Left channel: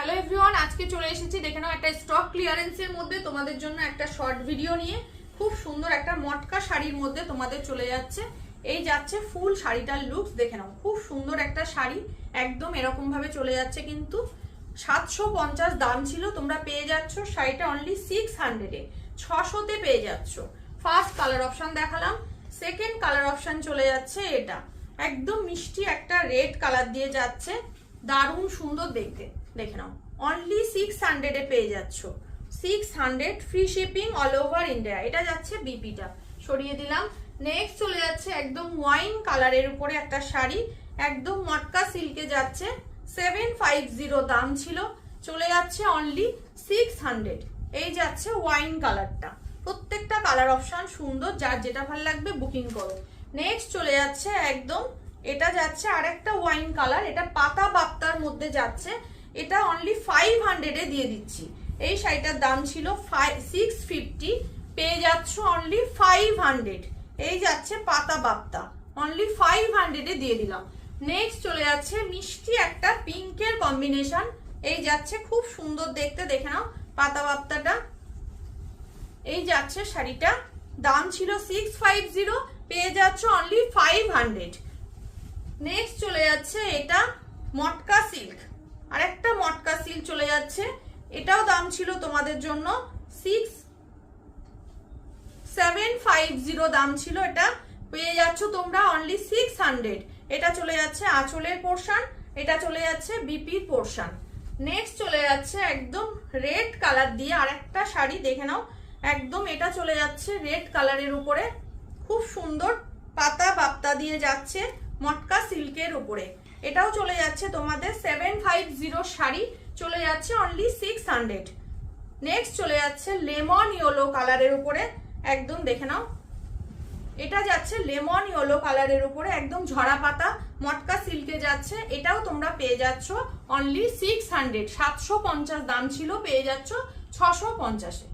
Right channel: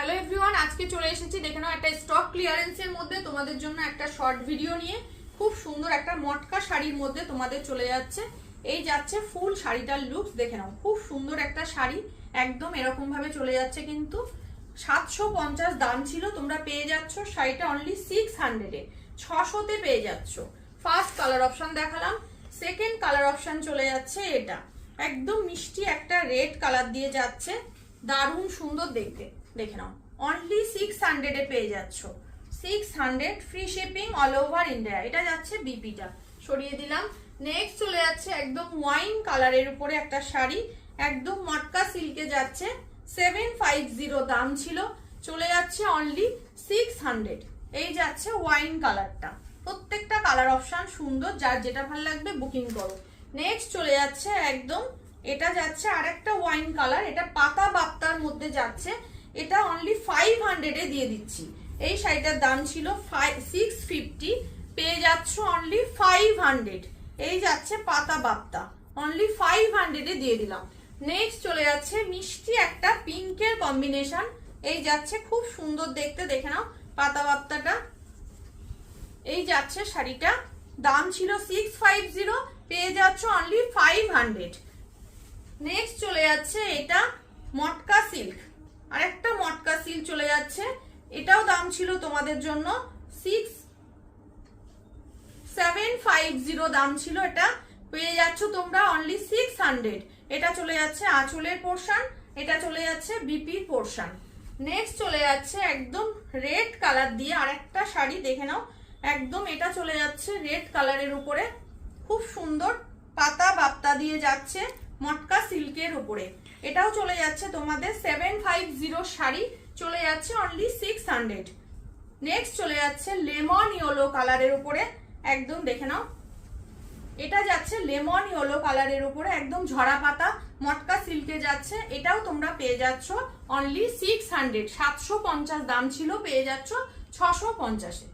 Hello everyone, আজকে চলে এসেছি দেখে নাও একটা স্টক ক্লিয়ারেন্সের মধ্যে তোমাদের জন্য একটা শর্ট ভিডিও নিয়ে। খুব সুন্দর একটা মটকা শাড়ির মধ্যে তোমাদের চলে যাচ্ছে। এই যাচ্ছে ফুল শাড়িটার লুকস দেখে নাও, খুব সুন্দর একটা শাড়ি, একদম এরকম ভাবে চলে যাচ্ছে। কিন্তু 750 দাম ছিল, তোমরা পেয়ে যাচ্ছ শাড়িটা অনলি 600-এ, 600-তে পেয়ে যাচ্ছ। ফার্স্ট কালার অপশন দেখালাম, সেকেন্ড কালার অপশন চলে যাচ্ছে এটা, একদম মিষ্টি একটা রেড কালার দিয়ে যাচ্ছে, দারুণ সুন্দর দেখতে। দেখে নাও অনলি 600-এ পেয়ে যাচ্ছ, 600 free shipping all over India. এটা যাচ্ছে বিপিটা, সরিয়ে দিলাম। নেক্সট চলে যাচ্ছে একদম ওয়াইন কালারের উপরে একটা শাড়ি, একদম মটকা সিল্কে যাচ্ছে, 750 দাম ছিল, চলে যাচ্ছে অনলি 600। এই যাচ্ছে ওয়াইন কালারটা, প্রত্যেকটা কালার অপশন সুন্দর, যার যেটা ভালো লাগবে বুকিং করো। নেক্সট চলে যাচ্ছে একদম, এটা যাচ্ছে আরেকটা ওয়াইন কালার, এটা পাতা বাপ্তার মধ্যে যাচ্ছে, এটা অনলি 500-এ দিয়ে দিচ্ছি। এই শাড়িটার দাম ছিল 650, পেয়ে যাচ্ছ অনলি 500। এই যাচ্ছে পাতা বাপ্তা, অনলি 500-এ দিয়ে দিলাম। নেক্সট চলে যাচ্ছে মিষ্টি একটা পিঙ্কের কম্বিনেশন, এই যাচ্ছে খুব সুন্দর দেখতে, দেখে নাও পাতা বাপ্তাটা। এই যাচ্ছে শাড়িটা, দাম ছিল 650, পেয়ে যাচ্ছ অনলি 500। নেক্সট চলে যাচ্ছে এটা মটকা সিল্ক, আরেকটা মটকা সিল্ক চলে যাচ্ছে, এটাও দাম ছিল তোমাদের জন্য 750 দাম ছিল, এটা পেয়ে যাচ্ছ তোমরা অনলি 600। এটা চলে যাচ্ছে আঁচলের পোর্শন, এটা চলে যাচ্ছে বিপি পোর্শন। নেক্সট চলে যাচ্ছে একদম রেড কালার দিয়ে আরেকটা শাড়ি, দেখে নাও একদম এটা চলে যাচ্ছে রেড কালারের উপরে, খুব সুন্দর পাতা বাপ্তা দিয়ে যাচ্ছে মটকা সিল্কের উপরে। এটাও চলে যাচ্ছে তোমাদের 750 শাড়ি, চলে যাচ্ছে অনলি 600। নেক্সট চলে যাচ্ছে লেমন ইয়েলো কালারের উপরে, একদম দেখে নাও এটা যাচ্ছে লেমন ইয়েলো কালারের উপরে, একদম ঝরা পাতা মটকা সিল্কে যাচ্ছে, এটাও তোমরা পেয়ে যাচ্ছ অনলি 600। 750 দাম ছিল, পেয়ে যাচ্ছ 650-এ।